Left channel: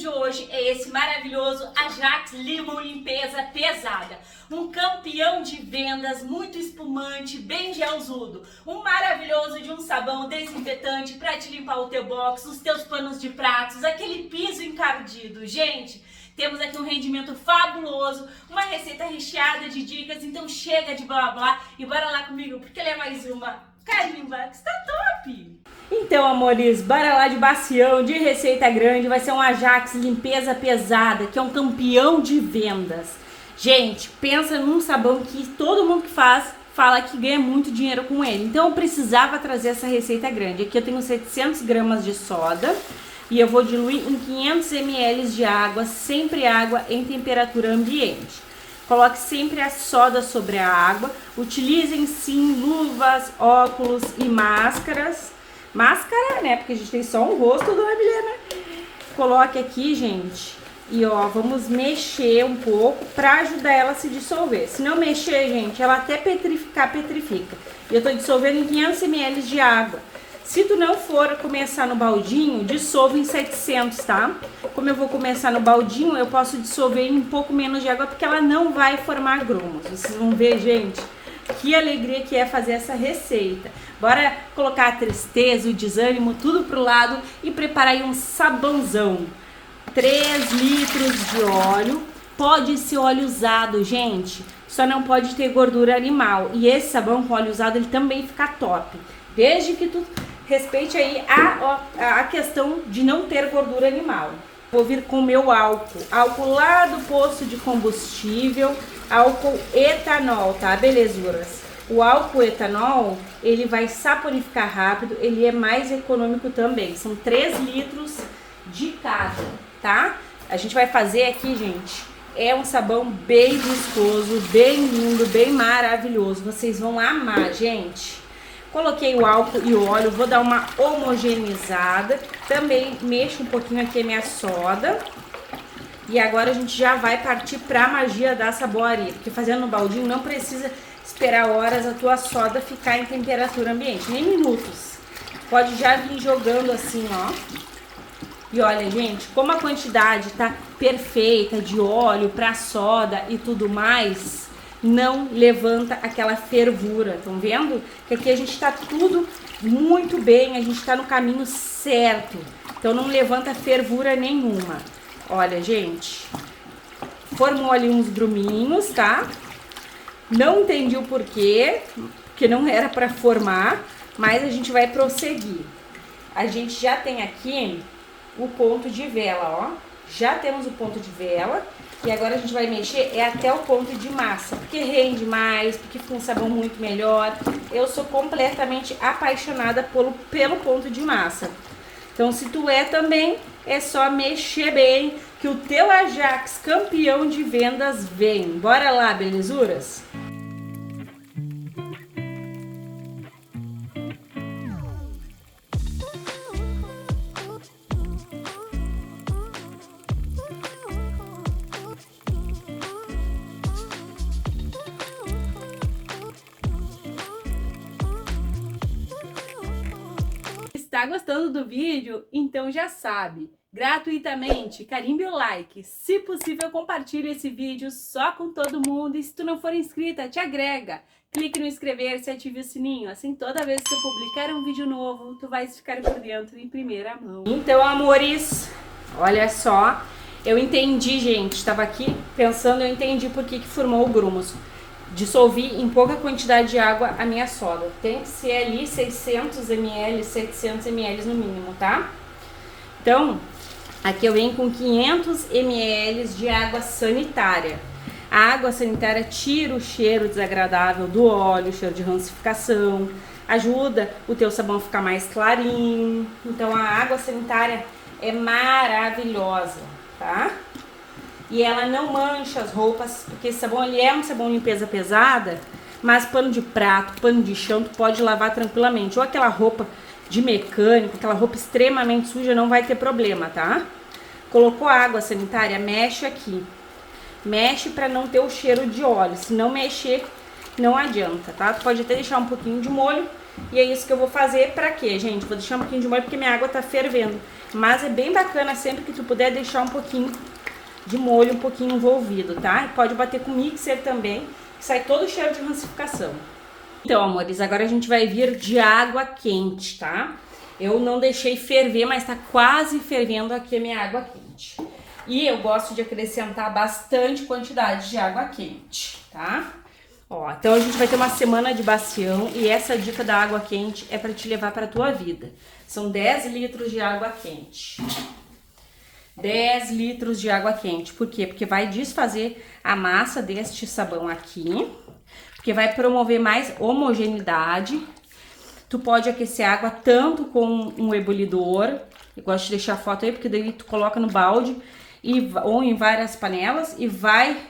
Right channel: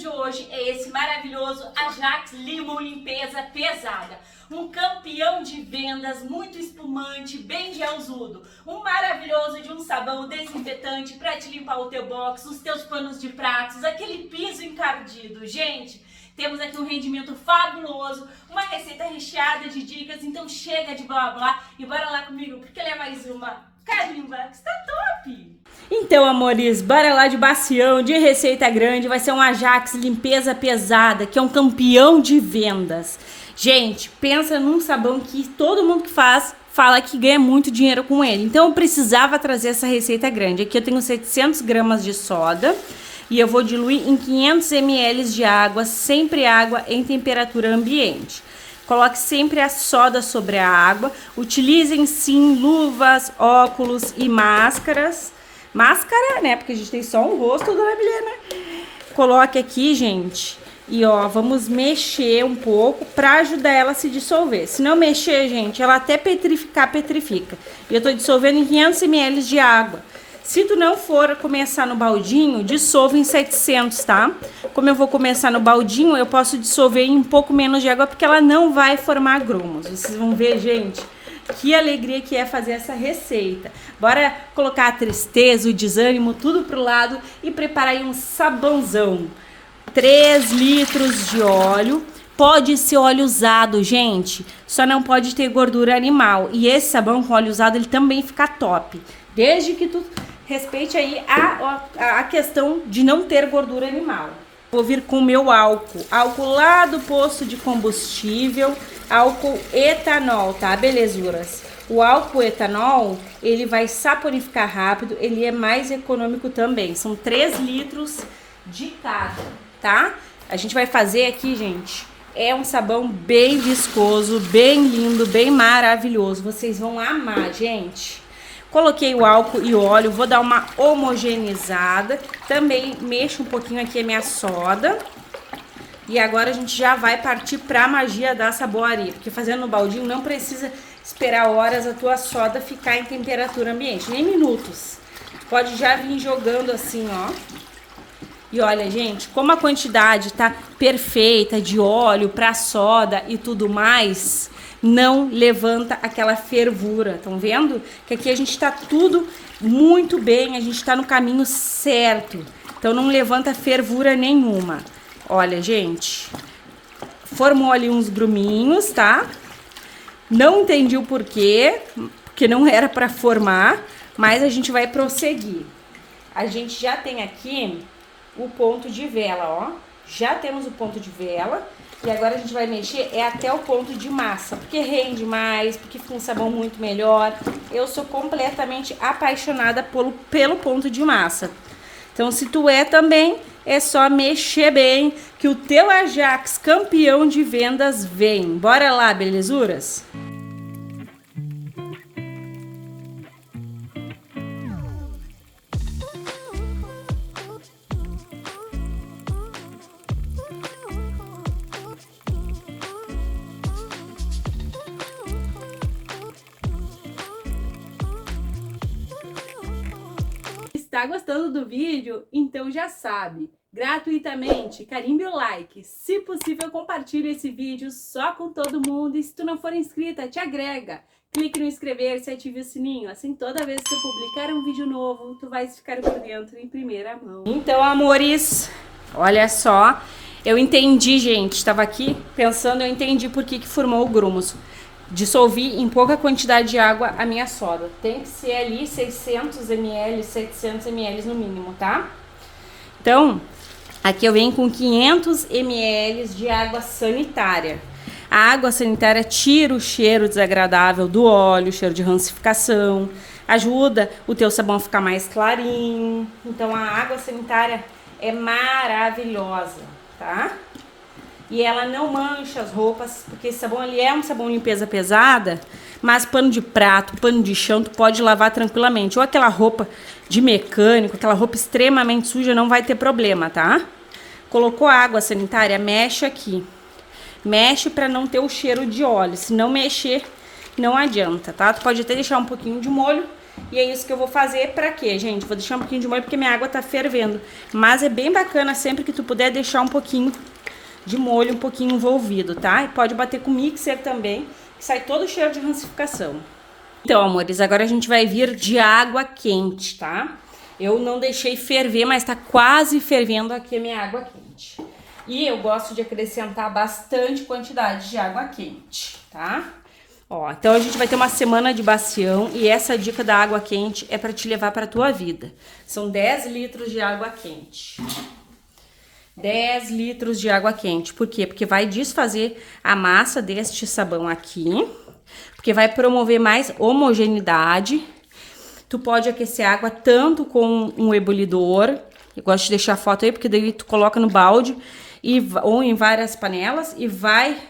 de hoje é esse maravilhoso Ajax Limão Limpeza Pesada. Um campeão de vendas, muito espumante, bem gelzudo. Um maravilhoso de um sabão desinfetante para te limpar o teu box, os teus panos de pratos, aquele piso encardido. Gente, temos aqui um rendimento fabuloso, uma receita recheada de dicas, então chega de blá blá e bora lá comigo, porque ele é mais uma carimba que está top! Então, amores, bora lá de bacião, de receita grande, vai ser um Ajax Limpeza Pesada, que é um campeão de vendas. Gente, pensa num sabão que todo mundo que faz fala que ganha muito dinheiro com ele. Então, eu precisava trazer essa receita grande. Aqui eu tenho 700 gramas de soda e eu vou diluir em 500 ml de água, sempre água em temperatura ambiente. Coloque sempre a soda sobre a água. Utilizem sim luvas, óculos e máscaras. Máscara, né? Porque a gente tem só um rosto, dona Milena. Coloque aqui, gente. E ó, vamos mexer um pouco pra ajudar ela a se dissolver. Se não mexer, gente, ela até petrificar, petrifica. E eu tô dissolvendo em 500 ml de água. Se tu não for começar no baldinho, dissolva em 700, tá? Como eu vou começar no baldinho, eu posso dissolver em um pouco menos de água, porque ela não vai formar grumos. Vocês vão ver, gente, que alegria que é fazer essa receita. Bora colocar a tristeza, o desânimo, tudo pro lado e preparar aí um sabãozão. 3 litros de óleo. Pode ser óleo usado, gente. Só não pode ter gordura animal. E esse sabão com óleo usado, ele também fica top. Desde que tu respeite aí a questão de não ter gordura animal. Vou vir com o meu álcool. Álcool lá do posto de combustível. Álcool etanol, tá, belezuras? O álcool etanol, ele vai saponificar rápido, ele é mais econômico também. São 3 litros de cada, tá? A gente vai fazer aqui, gente, é um sabão bem viscoso, bem lindo, bem maravilhoso. Vocês vão amar, gente. Coloquei o álcool e o óleo, vou dar uma homogeneizada. Também mexo um pouquinho aqui a minha soda. E agora a gente já vai partir para a magia da saboaria, porque fazendo no baldinho não precisa esperar horas a tua soda ficar em temperatura ambiente, nem minutos. Pode já vir jogando assim, ó. E olha, gente, como a quantidade tá perfeita de óleo para soda e tudo mais, não levanta aquela fervura. Estão vendo? Que aqui a gente tá tudo muito bem, a gente tá no caminho certo. Então não levanta fervura nenhuma. Olha, gente, formou ali uns gruminhos, tá? Não entendi o porquê, porque não era para formar, mas a gente vai prosseguir. A gente já tem aqui o ponto de vela, ó. Já temos o ponto de vela e agora a gente vai mexer até o ponto de massa, porque rende mais, porque fica um sabão muito melhor. Eu sou completamente apaixonada pelo ponto de massa. Então, se tu é também, é só mexer bem, que o teu Ajax campeão de vendas vem. Bora lá, belezuras? Tá gostando do vídeo? Então já sabe, gratuitamente, carimbe o like, se possível compartilhe esse vídeo só com todo mundo e se tu não for inscrita, te agrega, clique no inscrever-se e ative o sininho, assim toda vez que eu publicar um vídeo novo, tu vais ficar por dentro em primeira mão. Então, amores, olha só, eu entendi, gente, estava aqui pensando, eu entendi por que formou o grumos. Dissolvi em pouca quantidade de água a minha soda. Tem que ser ali 600 ml, 700 ml no mínimo, tá? Então, aqui eu venho com 500 ml de água sanitária. A água sanitária tira o cheiro desagradável do óleo, o cheiro de rancificação, ajuda o teu sabão a ficar mais clarinho. Então, a água sanitária é maravilhosa, tá? E ela não mancha as roupas, porque esse sabão ele é um sabão de limpeza pesada, mas pano de prato, pano de chão, tu pode lavar tranquilamente. Ou aquela roupa de mecânico, aquela roupa extremamente suja, não vai ter problema, tá? Colocou a água sanitária, mexe aqui. Mexe para não ter o cheiro de óleo, se não mexer, não adianta, tá? Tu pode até deixar um pouquinho de molho, E é isso que eu vou fazer. Pra quê, gente? Vou deixar um pouquinho de molho porque minha água tá fervendo. Mas é bem bacana sempre que tu puder deixar um pouquinho de molho, um pouquinho envolvido, tá? Pode bater com mixer também, que sai todo o cheiro de rancificação. Então, amores, agora a gente vai vir de água quente, tá? Eu não deixei ferver, mas tá quase fervendo aqui a minha água quente. E eu gosto de acrescentar bastante quantidade de água quente, tá? Ó, então a gente vai ter uma semana de bacião e essa dica da água quente é para te levar para tua vida. São 10 litros de água quente. 10 litros de água quente. Por quê? Porque vai desfazer a massa deste sabão aqui, porque vai promover mais homogeneidade. Tu pode aquecer a água tanto com um ebulidor, eu gosto de deixar a foto aí, porque daí tu coloca no balde ou em várias panelas e vai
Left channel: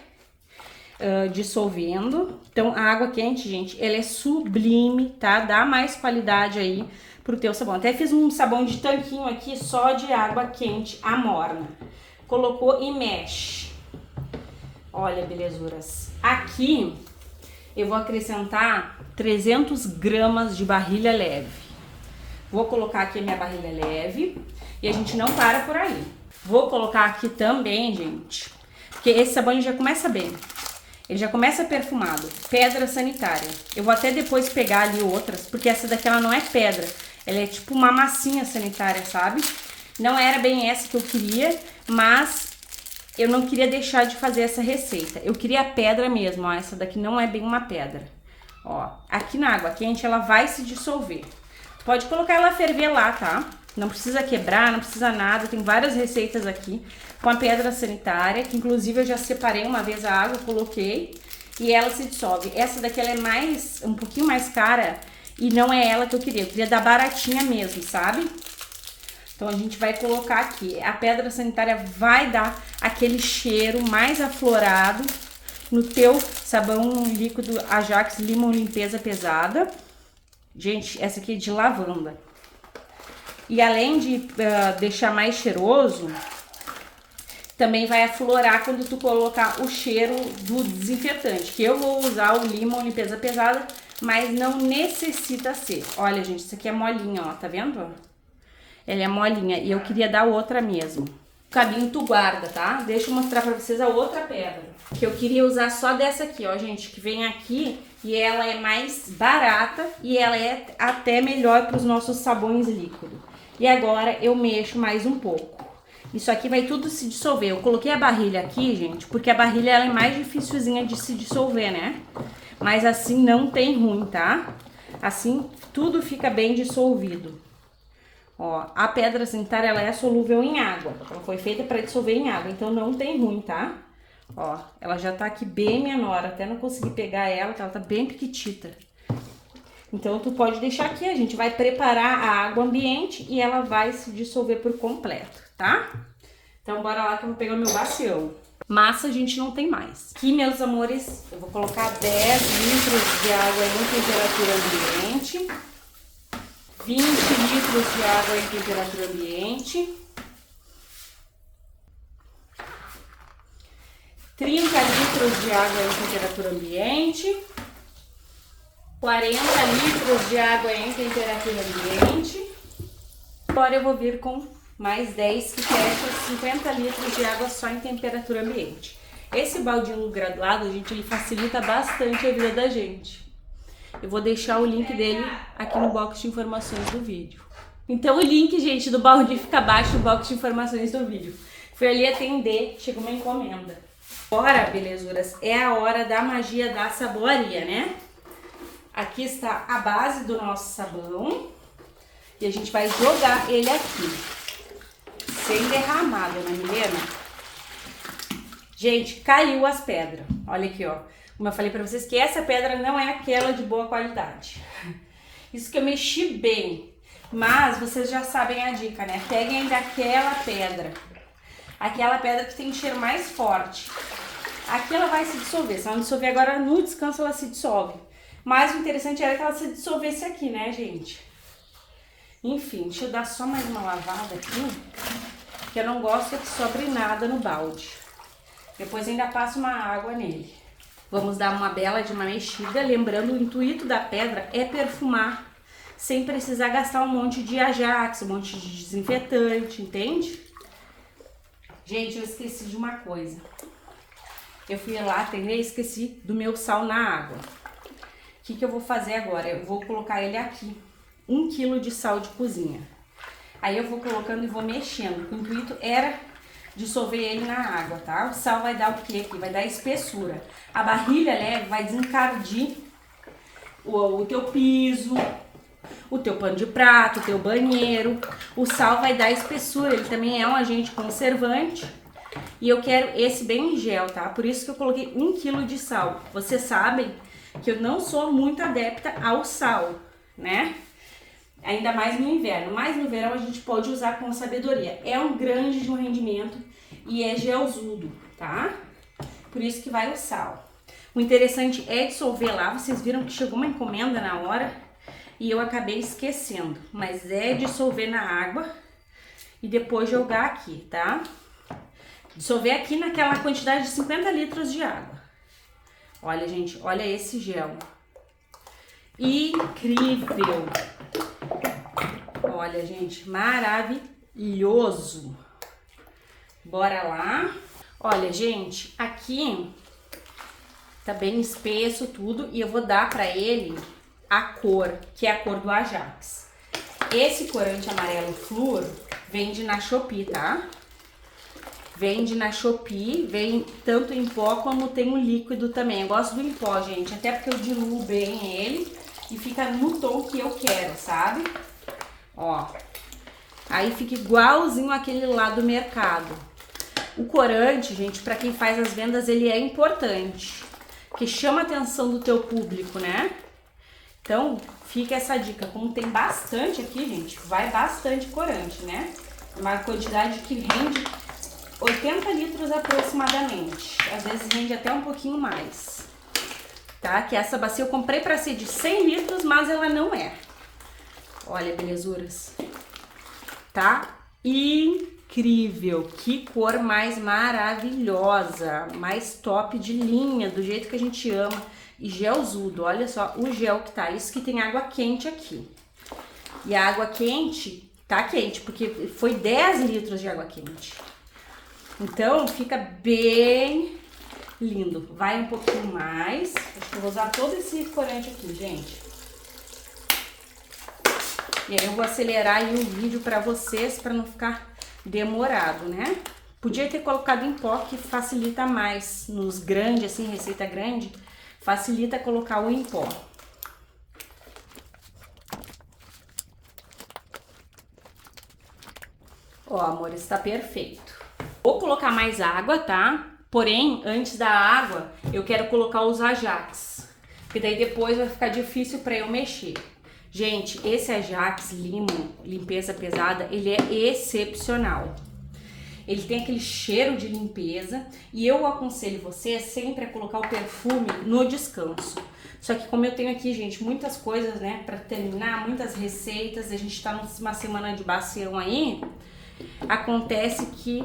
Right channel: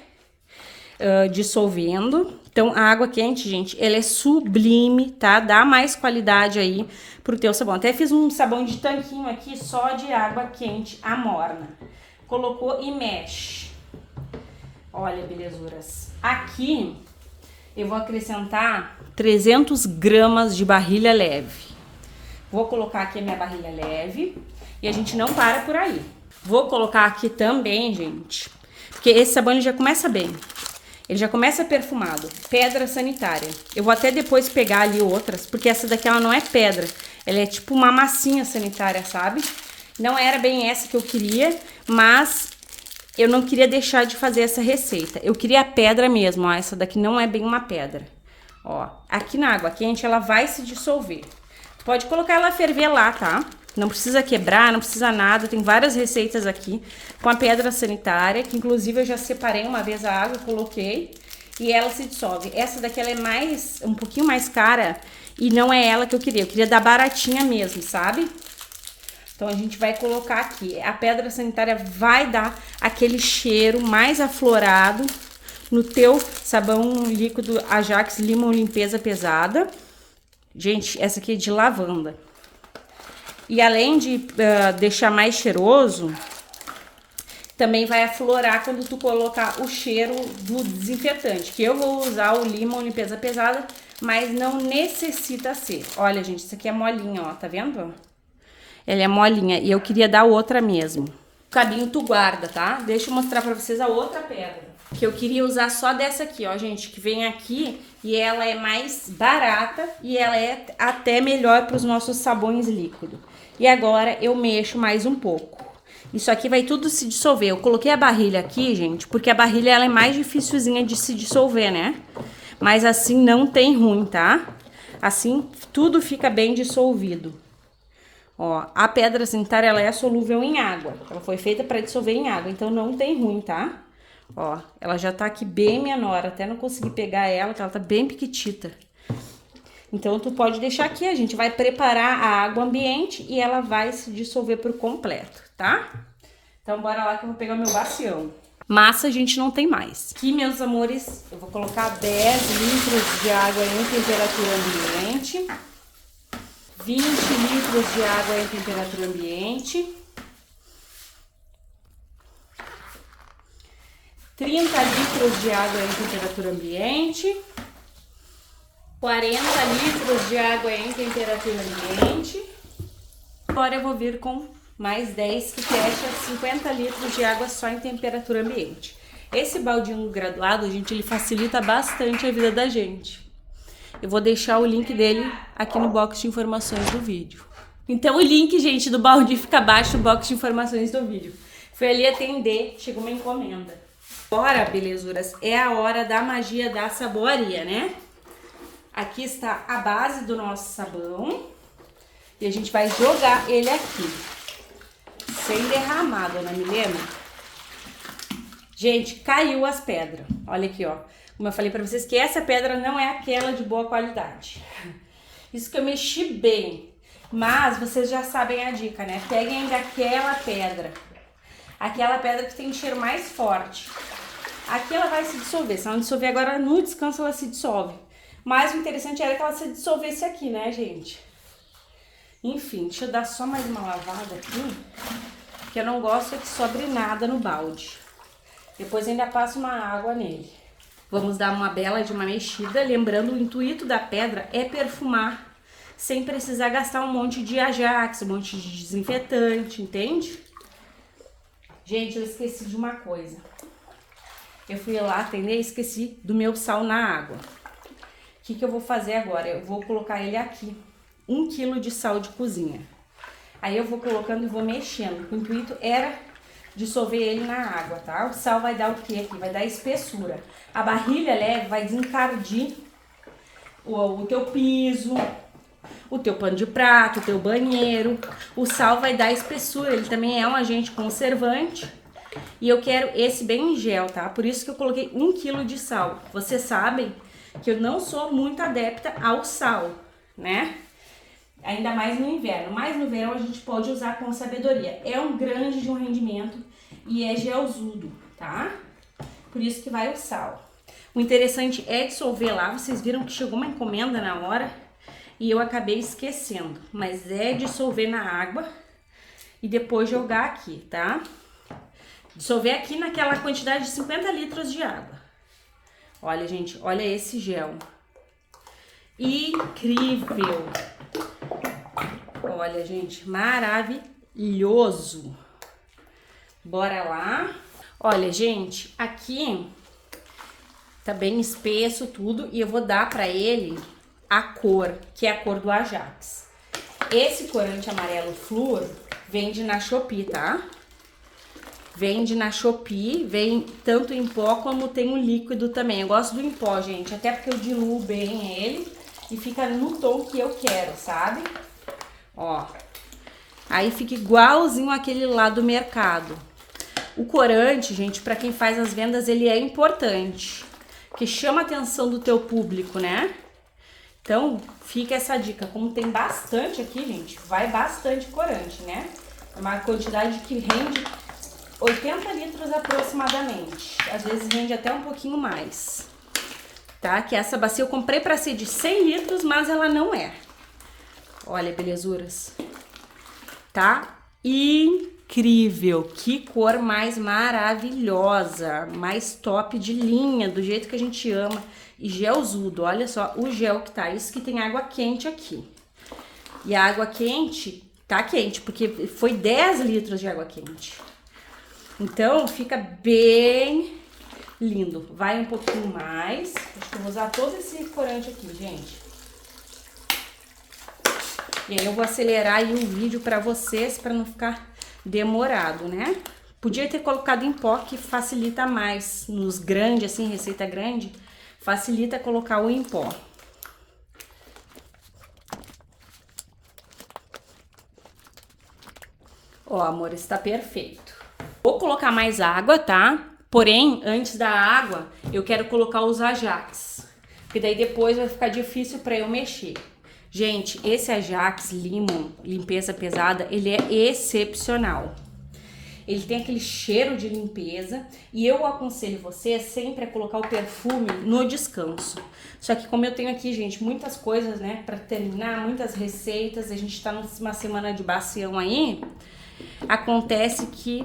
dissolvendo. Então, a água quente, gente, ela é sublime, tá? Dá mais qualidade aí pro teu sabão. Até fiz um sabão de tanquinho aqui só de água quente, amorna. Colocou e mexe. Olha, belezuras. Aqui eu vou acrescentar 300 gramas de barrilha leve. Vou colocar aqui a minha barrilha leve e a gente não para por aí. Vou colocar aqui também, gente, porque esse sabão ele já começa bem. Ele já começa perfumado. Pedra sanitária. Eu vou até depois pegar ali outras, porque essa daqui ela não é pedra. Ela é tipo uma massinha sanitária, sabe? Não era bem essa que eu queria, mas eu não queria deixar de fazer essa receita. Eu queria a pedra mesmo, ó. Essa daqui não é bem uma pedra. Ó, aqui na água quente ela vai se dissolver. Pode colocar ela a ferver lá, tá? Não precisa quebrar, não precisa nada. Tem várias receitas aqui com a pedra sanitária, que inclusive eu já separei uma vez a água, coloquei e ela se dissolve. Essa daqui ela é um pouquinho mais cara e não é ela que eu queria dar baratinha mesmo, sabe? Então a gente vai colocar aqui. A pedra sanitária vai dar aquele cheiro mais aflorado no teu sabão líquido Ajax Limão Limpeza Pesada. Gente, essa aqui é de lavanda. E além de deixar mais cheiroso, também vai aflorar quando tu colocar o cheiro do desinfetante. Que eu vou usar o Limão Limpeza Pesada, mas não necessita ser. Olha, gente, isso aqui é molinha, ó, tá vendo? Ela é molinha e eu queria dar outra mesmo. O cabinho tu guarda, tá? Deixa eu mostrar pra vocês a outra pedra. Que eu queria usar só dessa aqui, ó, gente, que vem aqui e ela é mais barata e ela é até melhor para os nossos sabões líquidos. E agora eu mexo mais um pouco. Isso aqui vai tudo se dissolver. Eu coloquei a barrilha aqui, gente, porque a barrilha ela é mais dificilzinha de se dissolver, né? Mas assim não tem ruim, tá? Assim tudo fica bem dissolvido. Ó, a pedra sanitária ela é solúvel em água. Ela foi feita para dissolver em água, então não tem ruim, tá? Ó, ela já tá aqui bem menor, até não consegui pegar ela, ela tá bem piquitita. Então, tu pode deixar aqui, a gente vai preparar a água ambiente e ela vai se dissolver por completo, tá? Então, bora lá que eu vou pegar meu bacião. Massa a gente não tem mais. Aqui, meus amores, eu vou colocar 10 litros de água em temperatura ambiente. 20 litros de água em temperatura ambiente. 30 litros de água em temperatura ambiente. 40 litros de água em temperatura ambiente. Agora eu vou vir com mais 10, que fecha 50 litros de água só em temperatura ambiente. Esse baldinho graduado, gente, ele facilita bastante a vida da gente. Eu vou deixar o link dele aqui no box de informações do vídeo. Então o link, gente, do balde fica abaixo do box de informações do vídeo. Fui ali atender, chegou uma encomenda. Agora, belezuras, é a hora da magia da saboaria, né? Aqui está a base do nosso sabão e a gente vai jogar ele aqui, sem derramar, dona Milena. Gente, caiu as pedras. Olha aqui, ó. Como eu falei pra vocês que essa pedra não é aquela de boa qualidade. Isso que eu mexi bem, mas vocês já sabem a dica, né? Peguem daquela pedra. Aquela pedra que tem cheiro mais forte. Aqui ela vai se dissolver. Se ela não dissolver agora, no descanso ela se dissolve. Mas o interessante era que ela se dissolvesse aqui, né, gente? Enfim, deixa eu dar só mais uma lavada aqui, porque eu não gosto que sobre nada no balde. Depois ainda passo uma água nele. Vamos dar uma bela de uma mexida, lembrando o intuito da pedra é perfumar. sem precisar gastar um monte de Ajax, um monte de desinfetante, entende? Gente, eu esqueci de uma coisa. Eu fui lá atender e esqueci do meu sal na água. O que eu vou fazer agora? Eu vou colocar ele aqui. 1 kg de sal de cozinha. Aí eu vou colocando e vou mexendo. O intuito era dissolver ele na água, tá? O sal vai dar o quê aqui? Vai dar espessura. A barrilha leve vai desencardir o teu piso, o teu pano de prato, o teu banheiro. O sal vai dar espessura, ele também é um agente conservante. E eu quero esse bem em gel, tá? Por isso que eu coloquei 1 kg de sal. Vocês sabem que eu não sou muito adepta ao sal, né? Ainda mais no inverno, mas no verão a gente pode usar com sabedoria. É um grande de um rendimento e é gelzudo, tá? Por isso que vai o sal. O interessante é dissolver lá, vocês viram que chegou uma encomenda na hora e eu acabei esquecendo. Mas é dissolver na água e depois jogar aqui, tá? Dissolver aqui naquela quantidade de 50 litros de água. Olha, gente, olha esse gel. Incrível! Olha, gente, maravilhoso. Bora lá. Olha, gente, aqui tá bem espesso tudo e eu vou dar pra ele a cor, que é a cor do Ajax. Esse corante amarelo flúor vende na Shopee, tá? Vende na Shopee, vem tanto em pó como tem um líquido também. Eu gosto do em pó, gente, até porque eu diluo bem ele e fica no tom que eu quero, sabe? Ó, aí fica igualzinho aquele lá do mercado. O corante, gente, para quem faz as vendas, ele é importante, que chama a atenção do teu público, né? Então, fica essa dica. Como tem bastante aqui, gente, vai bastante corante, né? Uma quantidade que rende 80 litros aproximadamente. Às vezes rende até um pouquinho mais. Tá? Que essa bacia eu comprei para ser de 100 litros, mas ela não é. Olha, belezuras. Tá incrível. Que cor mais maravilhosa. Mais top de linha, do jeito que a gente ama. E gelzudo. Olha só o gel que tá. Isso que tem água quente aqui. E a água quente tá quente, porque foi 10 litros de água quente. Então, fica bem lindo. Vai um pouquinho mais. Acho que eu vou usar todo esse corante aqui, gente. E aí eu vou acelerar aí o vídeo pra vocês, pra não ficar demorado, né? Podia ter colocado em pó, que facilita mais. Nos grandes, assim, receita grande, facilita colocar o em pó. Ó, amor, está perfeito. Vou colocar mais água, tá? Porém, antes da água, eu quero colocar os Ajax. Porque daí depois vai ficar difícil pra eu mexer. Gente, esse Ajax Limon Limpeza Pesada, ele é excepcional. Ele tem aquele cheiro de limpeza e eu aconselho você sempre a colocar o perfume no descanso. Só que como eu tenho aqui, gente, muitas coisas, né, pra terminar, muitas receitas, a gente tá numa semana de bacião aí, acontece que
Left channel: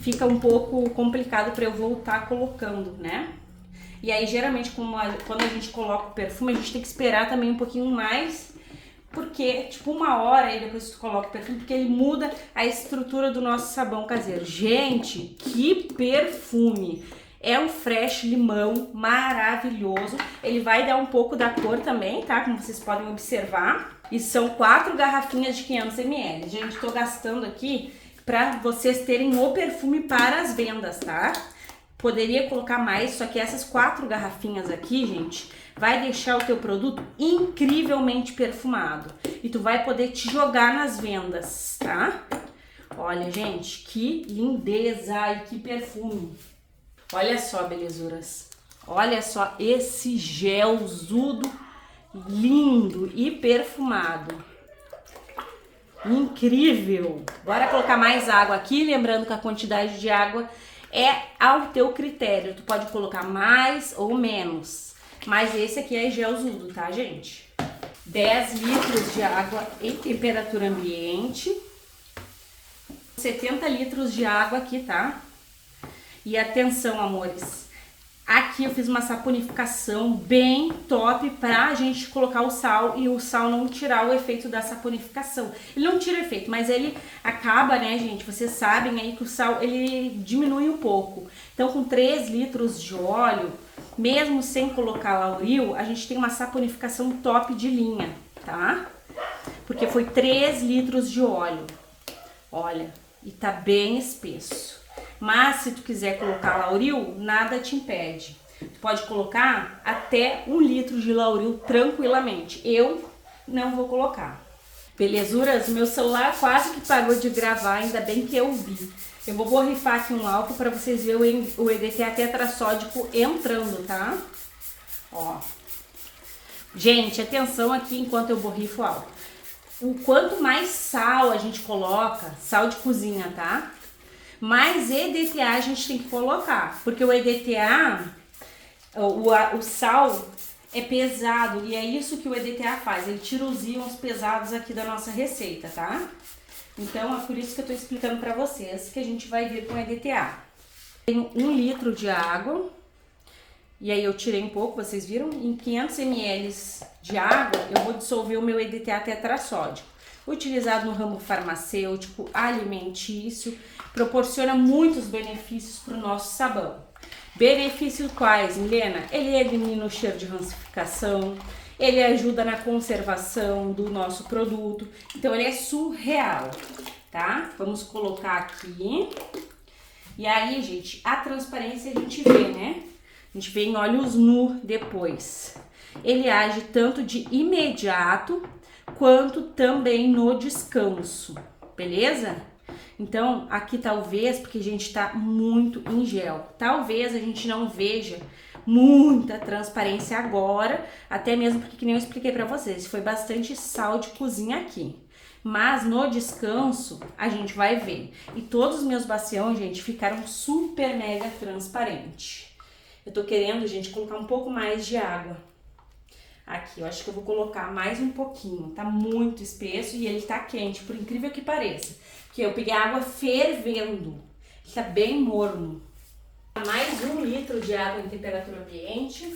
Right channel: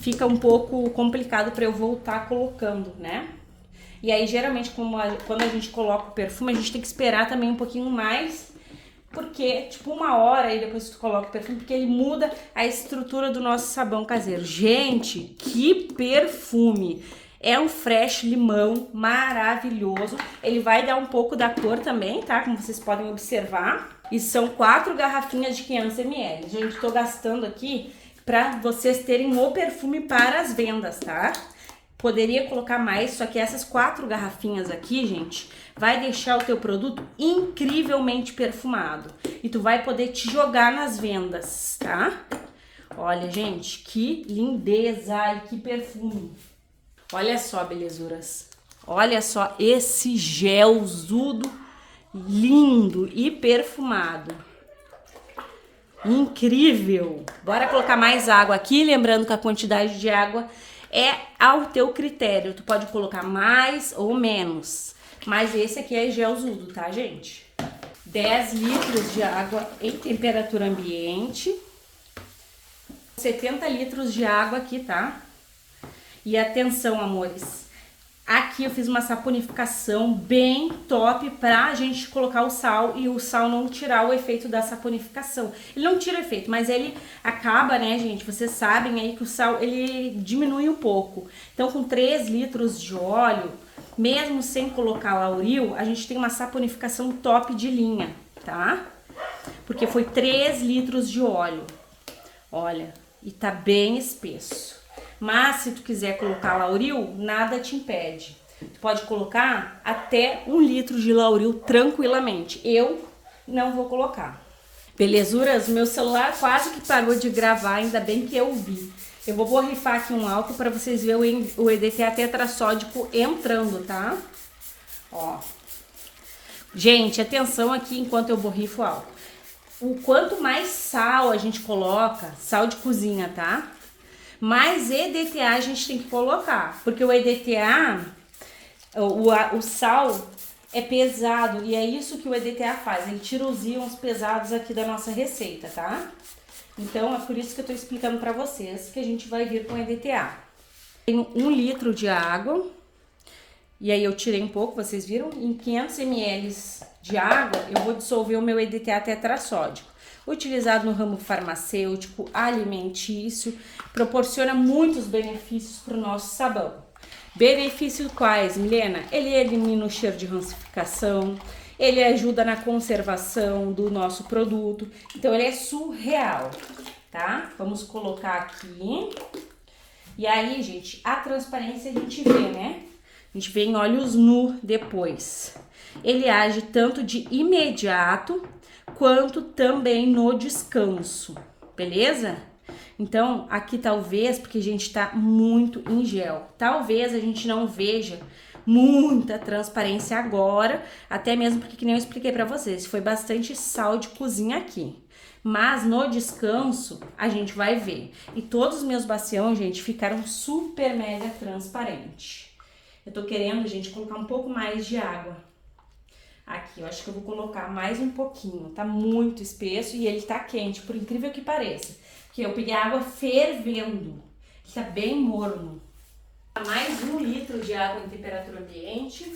fica um pouco complicado pra eu voltar colocando, né? E aí, geralmente, quando a gente coloca o perfume, a gente tem que esperar também um pouquinho mais, porque, tipo, 1 hora aí depois que tu coloca o perfume, porque ele muda a estrutura do nosso sabão caseiro. Gente, que perfume! É um fresh limão maravilhoso. Ele vai dar um pouco da cor também, tá? Como vocês podem observar. E são 4 garrafinhas de 500 ml. Gente, tô gastando aqui pra vocês terem o perfume para as vendas, tá? Poderia colocar mais, só que essas 4 garrafinhas aqui, gente, vai deixar o teu produto incrivelmente perfumado. E tu vai poder te jogar nas vendas, tá? Olha, gente, que lindeza e que perfume. Olha só, belezuras. Olha só esse gelzudo lindo e perfumado. Incrível! Bora colocar mais água aqui, lembrando que a quantidade de água é ao teu critério. Tu pode colocar mais ou menos. Mas esse aqui é gelzudo, tá, gente? 10 litros de água em temperatura ambiente. 70 litros de água aqui, tá? E atenção, amores. Aqui Aqui eu fiz uma saponificação bem top pra gente colocar o sal e o sal não tirar o efeito da saponificação. Ele não tira efeito, mas ele acaba, né, gente? Vocês sabem aí que o sal, ele diminui um pouco. Então, com 3 litros de óleo, mesmo sem colocar lauril, a gente tem uma saponificação top de linha, tá? Porque foi 3 litros de óleo. Olha, e tá bem espesso. Mas se tu quiser colocar lauril, nada te impede. Tu pode colocar até 1 litro de lauril tranquilamente. Eu não vou colocar. Belezuras, meu celular quase que parou de gravar, ainda bem que eu vi. Eu vou borrifar aqui um álcool para vocês verem o EDTA tetrassódico entrando, tá? Ó. Gente, atenção aqui enquanto eu borrifo o álcool. O quanto mais sal a gente coloca, sal de cozinha, tá? Mais EDTA a gente tem que colocar, porque o EDTA, o sal é pesado e é isso que o EDTA faz, ele tira os íons pesados aqui da nossa receita, tá? Então é por isso que eu tô explicando pra vocês que a gente vai vir com EDTA. Tenho 1 litro de água e aí eu tirei um pouco, vocês viram? Em 500 ml de água eu vou dissolver o meu EDTA tetrassódico. Utilizado no ramo farmacêutico, alimentício, proporciona muitos benefícios para o nosso sabão. Benefícios quais, Milena? Ele elimina o cheiro de rancificação, ele ajuda na conservação do nosso produto, então ele é surreal, tá? Vamos colocar aqui. E aí, gente, a transparência a gente vê, né? A gente vê em olhos nu depois. Ele age tanto de imediato quanto também no descanso, beleza? Então, aqui talvez, porque a gente tá muito em gel, talvez a gente não veja muita transparência agora, até mesmo porque, que nem eu expliquei pra vocês, foi bastante sal de cozinha aqui. Mas no descanso, a gente vai ver. E todos os meus bacião, gente, ficaram super mega transparentes. Eu tô querendo, gente, colocar um pouco mais de água. Aqui, eu acho que eu vou colocar mais um pouquinho, tá muito espesso e ele tá quente, por incrível que pareça. Que eu peguei a água fervendo, tá bem morno. Mais 1 litro de água em temperatura ambiente.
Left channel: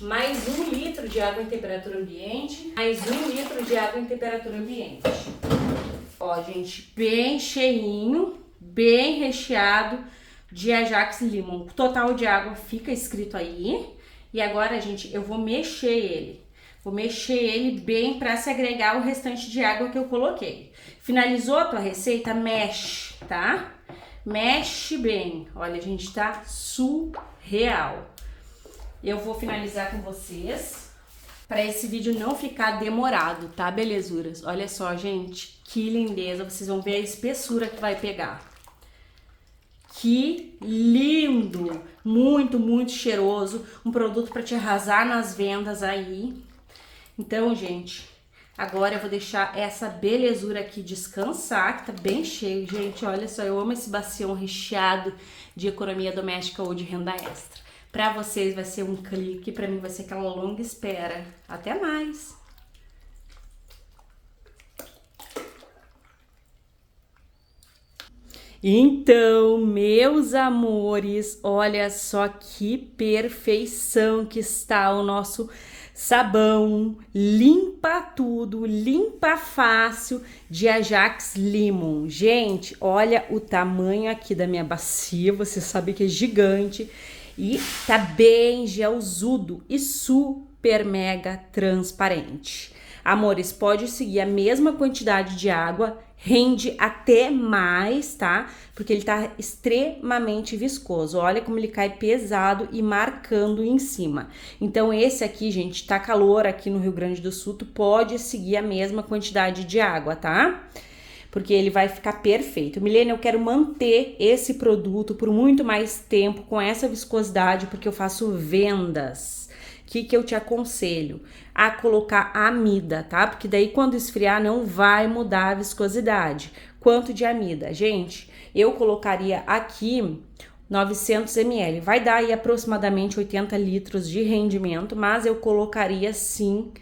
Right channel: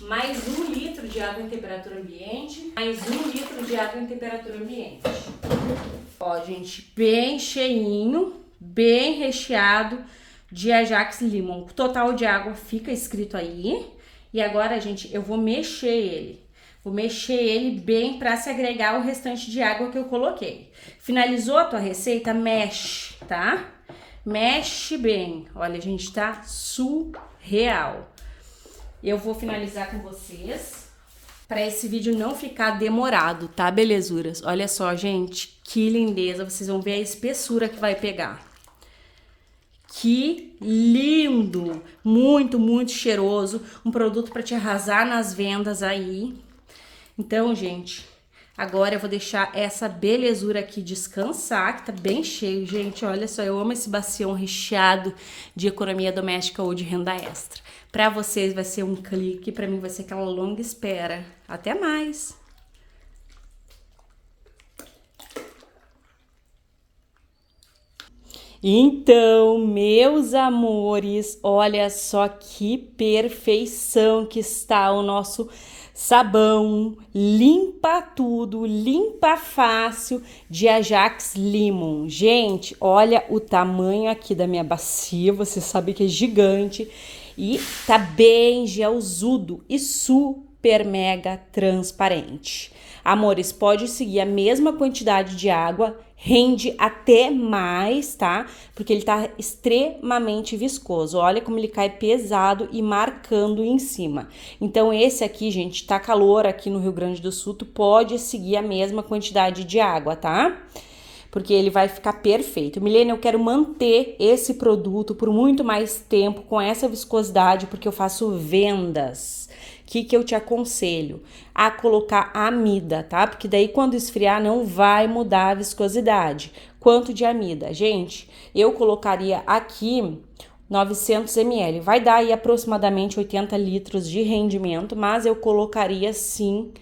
Mais 1 litro de água em temperatura ambiente. Mais 1 litro de água em temperatura ambiente. Ó, gente, bem cheinho, bem recheado de Ajax Limon. O total de água fica escrito aí. E agora, gente, eu vou mexer ele. Vou mexer ele bem para se agregar o restante de água que eu coloquei. Finalizou a tua receita? Mexe, tá? Mexe bem. Olha, gente, tá surreal. Eu vou finalizar com vocês para esse vídeo não ficar demorado, tá, belezuras? Olha só, gente, que lindeza. Vocês vão ver a espessura que vai pegar. Que lindo! Muito, muito cheiroso. Um produto para te arrasar nas vendas aí. Então, gente, agora eu vou deixar essa belezura aqui descansar, que tá bem cheio. Gente, olha só, eu amo esse bacião recheado de economia doméstica ou de renda extra. Para vocês vai ser um clique, para mim vai ser aquela longa espera. Até mais! Então, meus amores, olha só que perfeição que está o nosso sabão. Limpa tudo, limpa fácil de Ajax Limon. Gente, olha o tamanho aqui da minha bacia, você sabe que é gigante e tá bem gelzudo e super mega transparente. Amores, pode seguir a mesma quantidade de água, rende até mais, tá? Porque ele tá extremamente viscoso. Olha como ele cai pesado e marcando em cima. Então, esse aqui, gente, tá calor aqui no Rio Grande do Sul, tu pode seguir a mesma quantidade de água, tá? Porque ele vai ficar perfeito. Milena, eu quero manter esse produto por muito mais tempo com essa viscosidade, porque eu faço vendas. O que eu te aconselho? A colocar amida, tá? Porque daí quando esfriar não vai mudar a viscosidade. Quanto de amida? Gente, eu colocaria aqui 900 ml. Vai dar aí aproximadamente 80 litros de rendimento, mas eu colocaria sim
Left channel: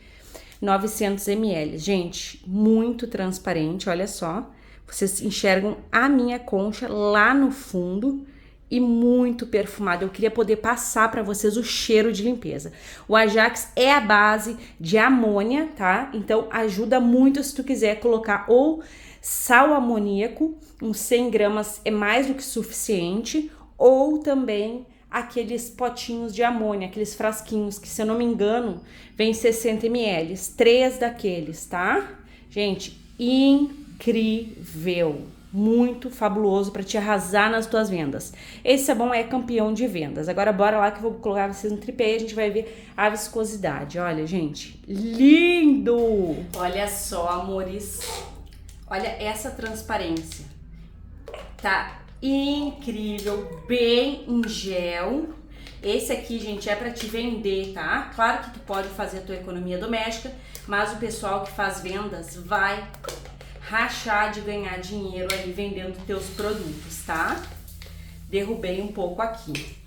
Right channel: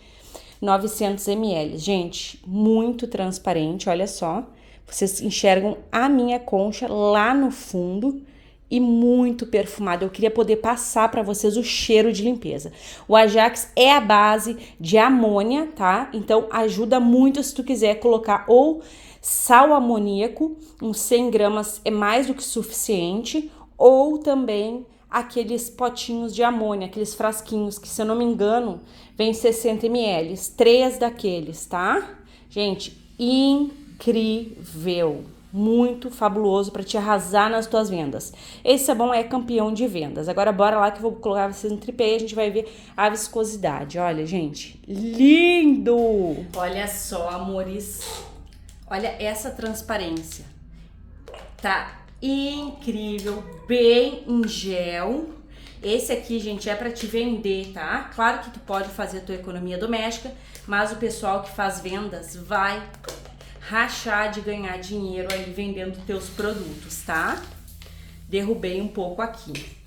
900 ml. Gente, muito transparente, olha só. Vocês enxergam a minha concha lá no fundo e muito perfumado. Eu queria poder passar para vocês o cheiro de limpeza. O Ajax é a base de amônia, tá? Então ajuda muito se tu quiser colocar ou sal amoníaco, uns 100 gramas é mais do que suficiente, ou também aqueles potinhos de amônia, aqueles frasquinhos que, se eu não me engano, vem 60 ml, 3 daqueles, tá? Gente, incrível, muito fabuloso para te arrasar nas tuas vendas. Esse sabão é campeão de vendas. Agora bora lá que eu vou colocar vocês no tripé e a gente vai ver a viscosidade. Olha, gente, lindo! Olha só, amores, olha essa transparência, tá incrível, bem em gel. Esse aqui, gente, é para te vender, tá? Claro que tu pode fazer a tua economia doméstica, mas o pessoal que faz vendas vai rachar de ganhar dinheiro ali vendendo teus produtos, tá? Derrubei um pouco aqui.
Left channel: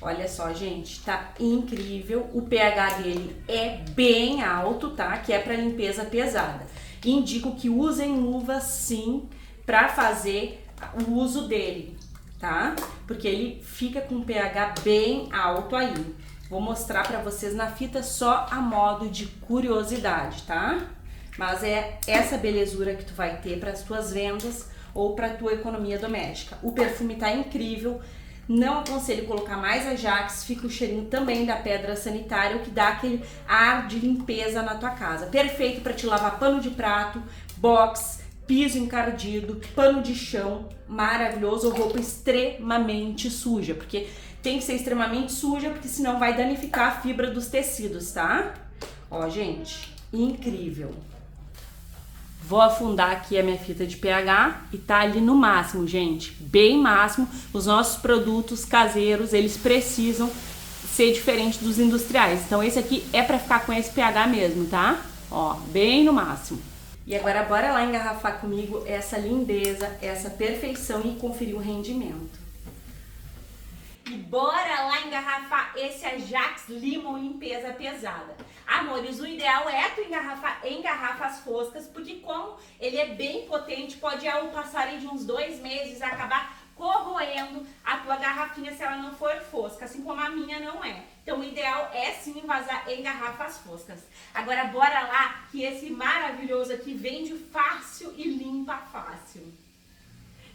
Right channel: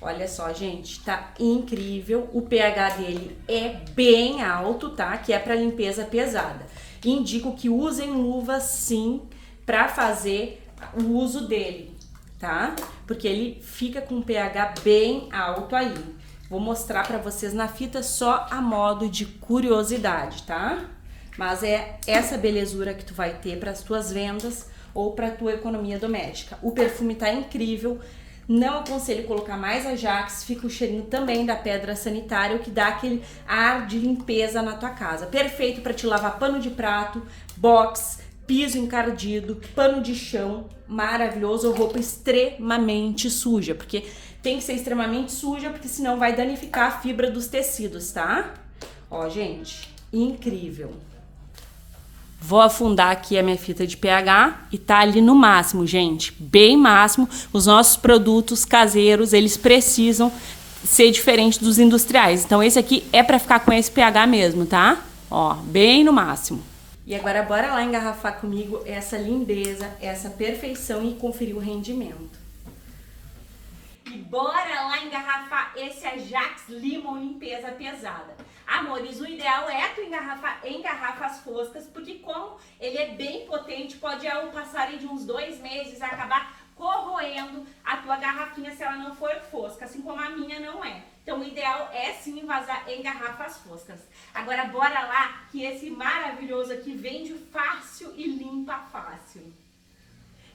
Olha só, gente, tá incrível. O pH dele é bem alto, tá? Que é para limpeza pesada. Indico que usem luvas, sim, para fazer o uso dele, tá? Porque ele fica com um pH bem alto aí. Vou mostrar para vocês na fita só a modo de curiosidade, tá? Mas é essa belezura que tu vai ter para as tuas vendas ou para tua economia doméstica. O perfume tá incrível. Não aconselho colocar mais Ajax, fica o cheirinho também da pedra sanitária, o que dá aquele ar de limpeza na tua casa. Perfeito para te lavar pano de prato, box, piso encardido, pano de chão, maravilhoso, ou roupa extremamente suja, porque tem que ser extremamente suja, porque senão vai danificar a fibra dos tecidos, tá? Ó, gente, incrível. Vou afundar aqui a minha fita de pH e tá ali no máximo, gente, bem máximo. Os nossos produtos caseiros, eles precisam ser diferentes dos industriais. Então esse aqui é para ficar com esse pH mesmo, tá? Ó, bem no máximo. E agora bora lá engarrafar comigo essa lindeza, essa perfeição e conferir o rendimento. E bora lá engarrafar esse Ajax Limon limpeza pesada. Amores, o ideal é tu engarrafar em garrafas foscas, porque como ele é bem potente, pode ao passar de uns 2 meses acabar corroendo a tua garrafinha se ela não for fosca, assim como a minha não é. Então o ideal é sim vazar em garrafas foscas. Agora bora lá que esse maravilhoso aqui vende fácil e limpa fácil.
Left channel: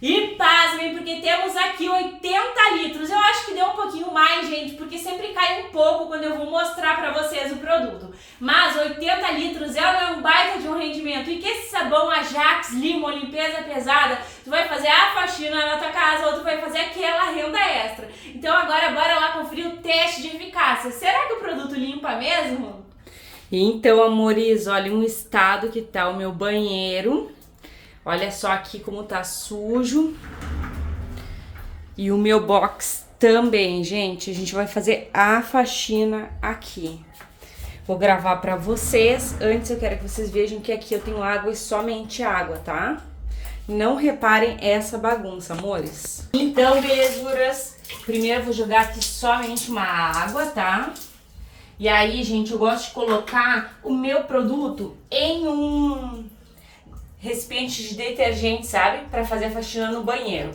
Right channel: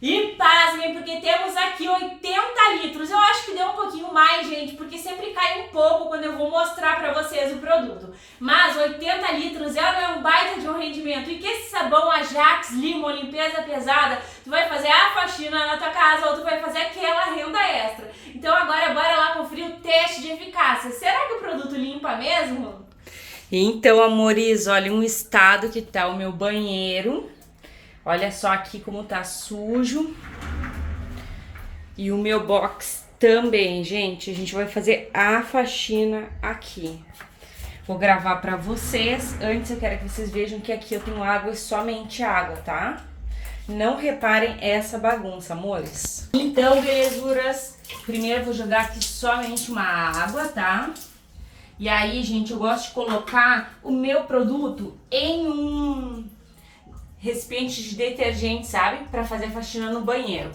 E pasmem, porque temos aqui 80 litros. Eu acho que deu um pouquinho mais, gente, porque sempre cai um pouco quando eu vou mostrar pra vocês o produto. Mas 80 litros é um baita de um rendimento. E que esse sabão Ajax Limon limpeza pesada, tu vai fazer a faxina na tua casa ou tu vai fazer aquela renda extra. Então agora bora lá conferir o teste de eficácia. Será que o produto limpa mesmo? Então, amores, olha um estado que tá o meu banheiro. Olha só aqui como tá sujo. E o meu box também, gente. A gente vai fazer a faxina aqui. Vou gravar pra vocês. Antes eu quero que vocês vejam que aqui eu tenho água e somente água, tá? Não reparem essa bagunça, amores. Então, belezuras, primeiro eu vou jogar aqui somente uma água, tá? E aí, gente, eu gosto de colocar o meu produto em um recipiente de detergente, sabe? Pra fazer a faxina no banheiro.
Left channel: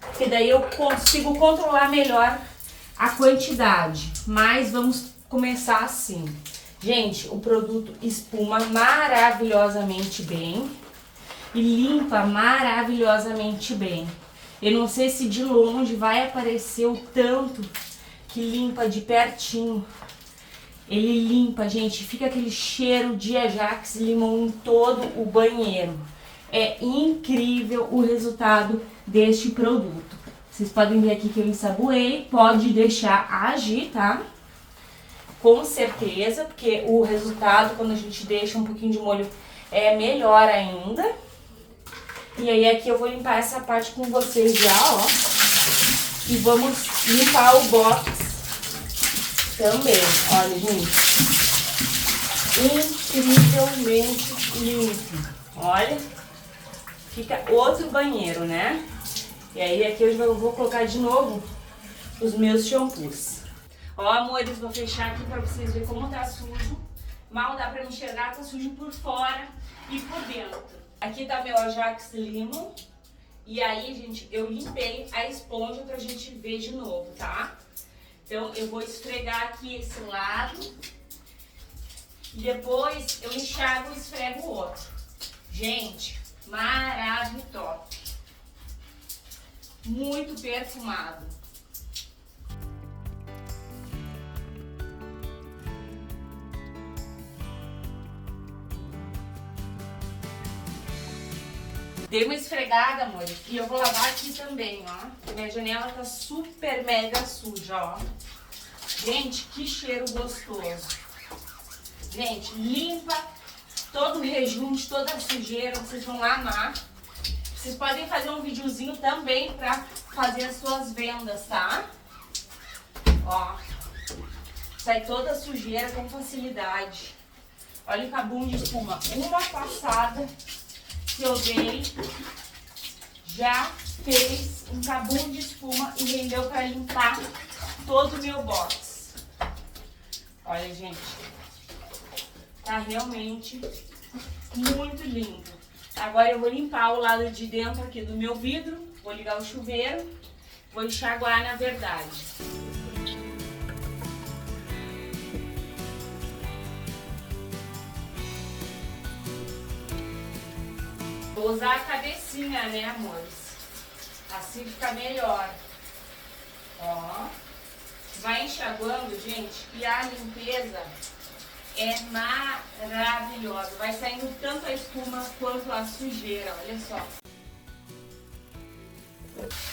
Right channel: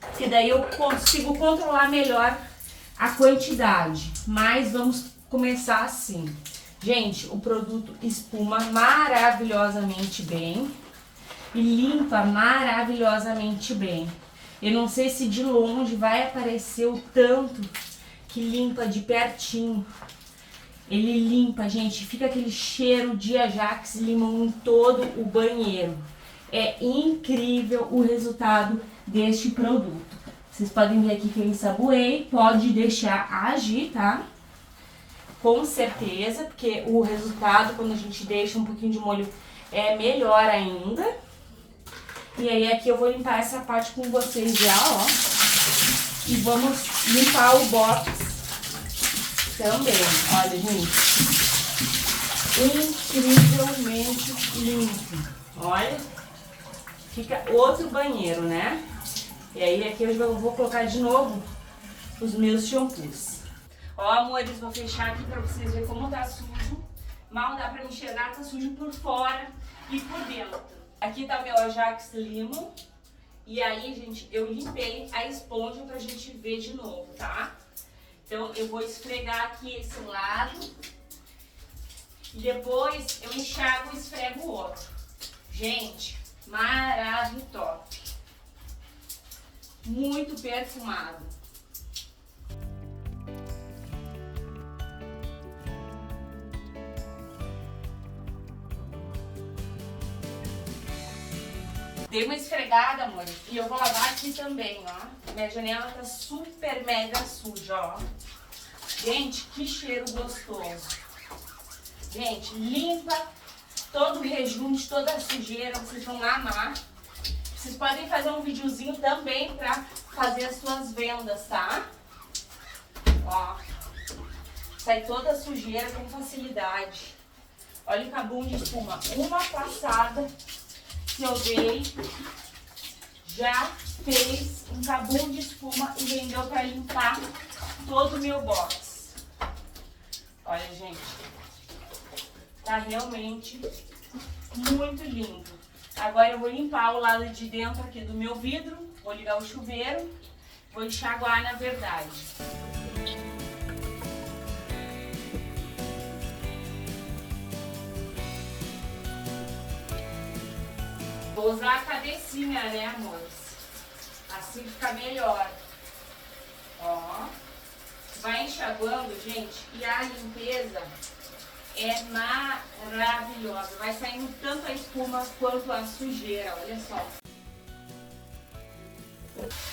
Porque daí eu consigo controlar melhor a quantidade. Mas vamos começar assim. Gente, o produto espuma maravilhosamente bem e limpa maravilhosamente bem. Eu não sei se de longe vai aparecer o tanto que limpa de pertinho. Ele limpa, gente, fica aquele cheiro de Ajax Limon em todo o banheiro. É incrível o resultado deste produto. Vocês podem ver aqui que eu ensaboei, pode deixar agir, tá? Com certeza, porque o resultado, quando a gente deixa um pouquinho de molho, é melhor ainda. E aí aqui eu vou limpar essa parte com vocês já, ó. E vamos limpar o box também. Olha, gente, incrivelmente limpo. Olha, fica outro banheiro, né? E aí aqui eu vou colocar de novo os meus shampoos. Ó, amores, vou fechar aqui pra vocês verem como tá sujo. Mal dá pra me enxergar, tá sujo por fora e por dentro. Aqui tá o meu Ajax Limon E aí, gente, eu limpei a esponja pra gente ver de novo, tá? Então, eu vou esfregar aqui esse lado. E depois eu enxago e esfrego o outro. Gente, maravilhoso. Muito perfumado. Dei uma esfregada, amor, e eu vou lavar aqui também, ó. Minha janela tá super mega suja, ó. Gente, que cheiro gostoso. Gente, limpa todo o rejunte, toda a sujeira, vocês vão amar. Vocês podem fazer um videozinho também pra fazer as suas vendas, tá? Ó, sai toda a sujeira com facilidade. Olha o cabum de espuma. Uma passada que eu dei já fez um cabum de espuma e rendeu para limpar todo o meu box. Olha, gente, tá realmente muito limpo. Agora eu vou limpar o lado de dentro aqui do meu vidro, vou ligar o chuveiro, vou enxaguar na verdade. Vou usar a cabecinha, né, amores? Assim fica melhor. Ó. Vai enxaguando, gente, e a limpeza é maravilhosa. Vai saindo tanto a espuma quanto a sujeira, olha só.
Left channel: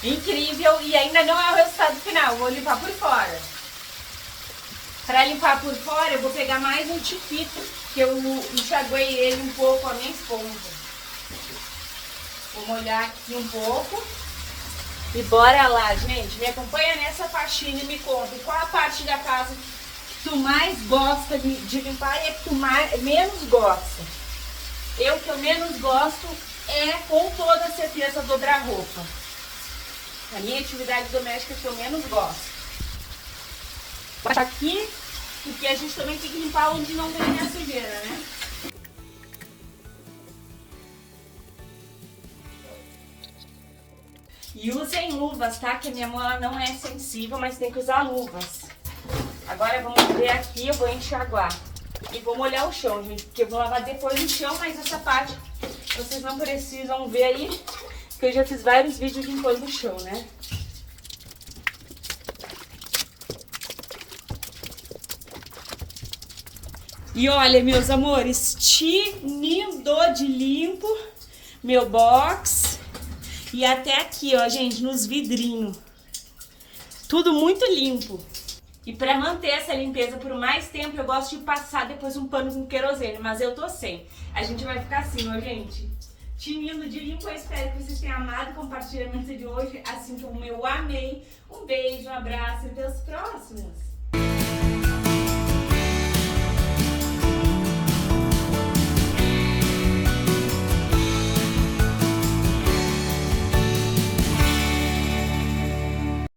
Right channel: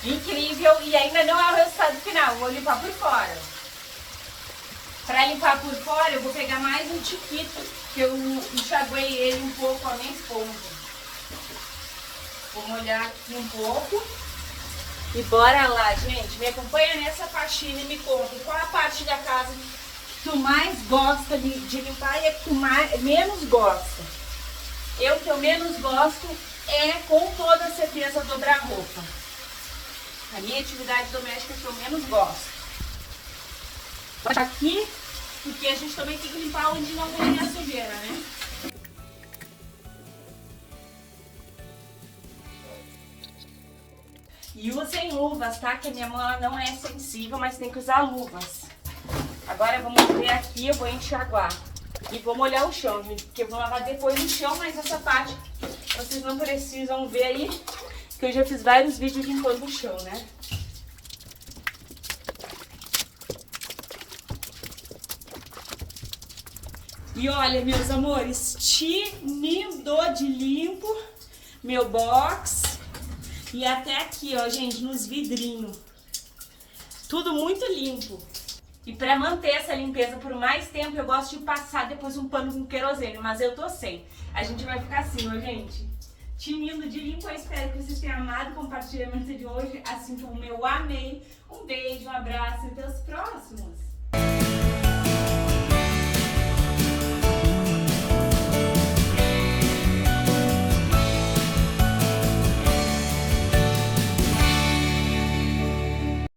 Incrível, e ainda não é o resultado final, vou limpar por fora. Para limpar por fora, eu vou pegar mais um tiquito, que eu enxaguei ele um pouco a minha esponja. Vou molhar aqui um pouco. E bora lá, gente. Me acompanha nessa faxina e me conta qual a parte da casa que tu mais gosta de limpar e a que tu menos gosta. O que eu menos gosto é, com toda certeza, dobrar roupa. A minha atividade doméstica que eu menos gosto. Aqui, porque a gente também tem que limpar onde não tem a sujeira, né? E usem luvas, tá? Que a minha mão ela não é sensível, mas tem que usar luvas. Agora vamos ver aqui, eu vou enxaguar. E vou molhar o chão, gente, porque eu vou lavar depois o chão, mas essa parte vocês não precisam ver aí, porque eu já fiz vários vídeos limpando o chão, né? E olha, meus amores, tinindo de limpo meu box. E até aqui, ó, gente, nos vidrinhos. Tudo muito limpo. E pra manter essa limpeza por mais tempo, eu gosto de passar depois um pano com querosene, mas eu tô sem. A gente vai ficar assim, ó, gente. Tinindo de limpo, eu espero que vocês tenham amado o compartilhamento de hoje, assim como eu amei. Um beijo, um abraço e até os próximos.